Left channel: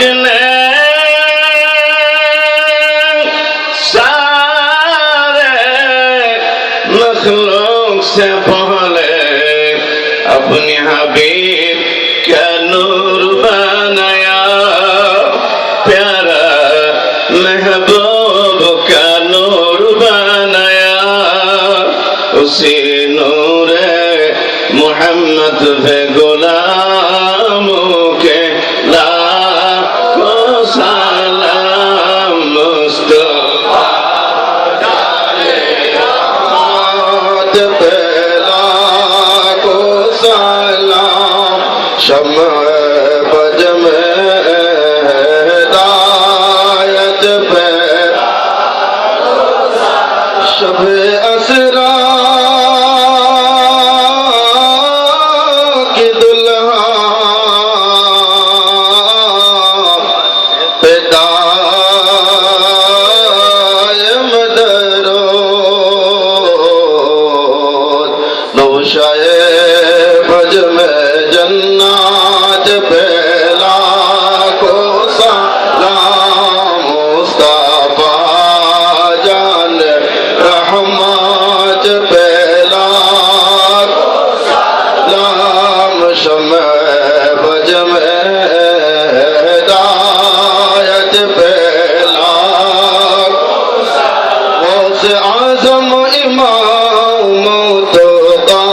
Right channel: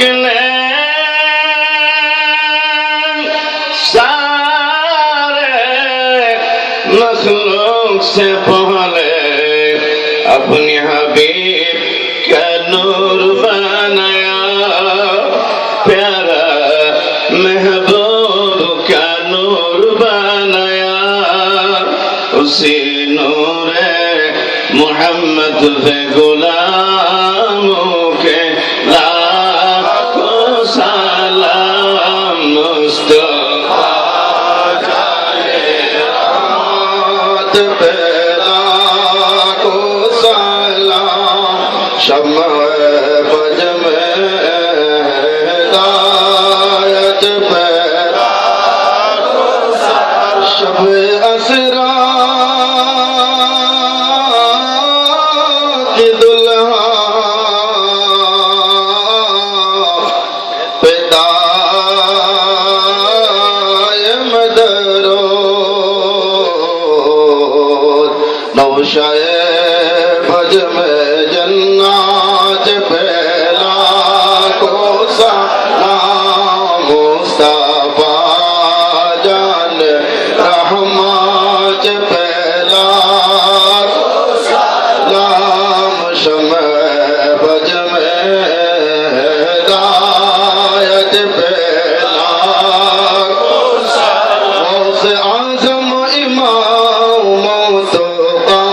ने सारे मखलूक से पहले अपने हबीब का नूर बनाया, प्यारा महबूब का नूर बनाया। उसी नूर मोहम्मद पे गुलामों के लाखों सलाम। मुस्तफा जाने रहमत पे लाखों सलाम। शम्अ बज में हिदायत पे शब असरा की दुल्हा पेदाय मदरोद। नौशाए भज में जन्नत पे लाखों सलाम। मुस्तफा जान रहमत पे लाखों सलाम। शम्अ बज में हिदायत पे लाखों सलाम। गौसे आज़म इमाम तुक़ा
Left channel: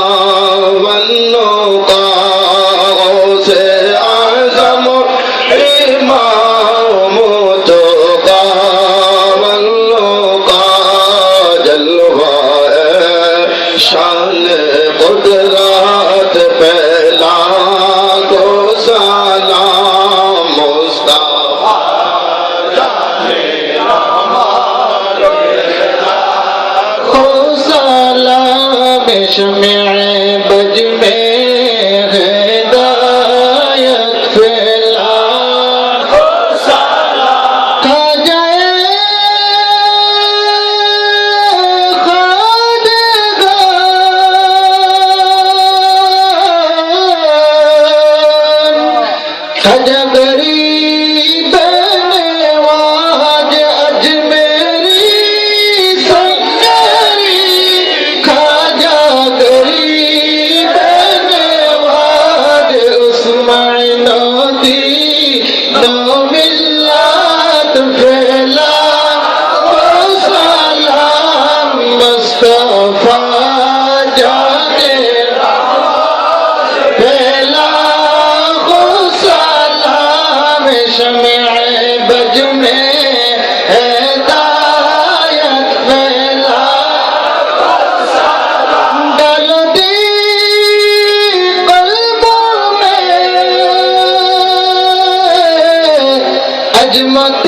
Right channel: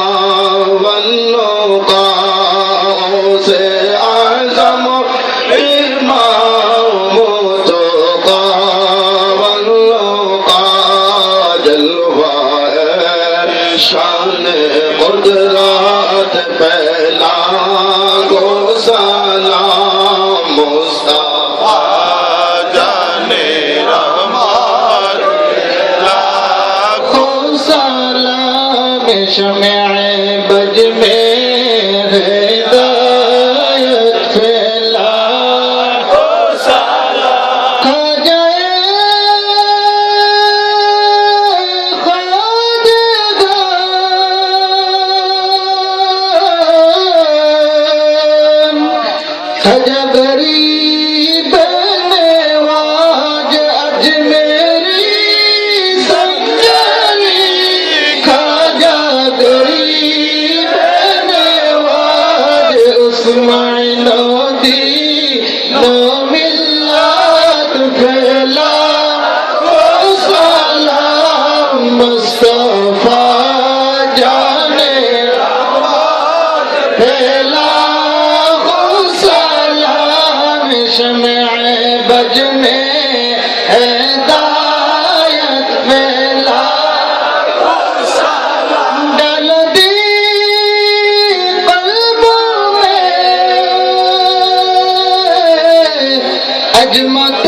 वन्नुक़ा। गौसे आज़म इमाम तुक़ा वन्नुक़ा। जलवाए शान कुदरत पे लाखों सलाम। मुस्तफा जाने रहमत पे लाखों सलाम। शम्अ बज में हिदायत पे लाखों सलाम। खाजाए खाजा गरीब नवाज अजमेरी संगरी। खाजा गरीब नवाज उस्मान दी नो मिल्लत फैला सलाम। मुस्तफा जाने फैला शम्अ बज में हिदायत फैला डाल दी कल्बों में अजमत